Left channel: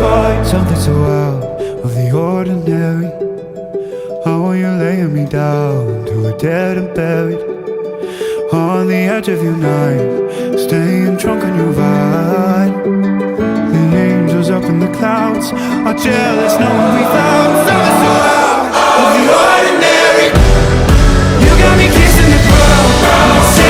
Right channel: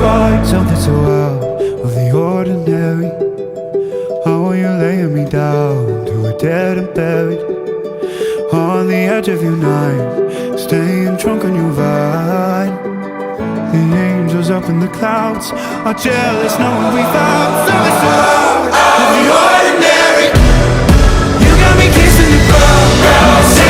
find something so out of the ordinary. How are you laying me down to a dead and buried on the edge of your night, staying drunk on your vine. The angels up in the clouds are jealous knowing we found something so out of the ordinary. You got me kissing the ground.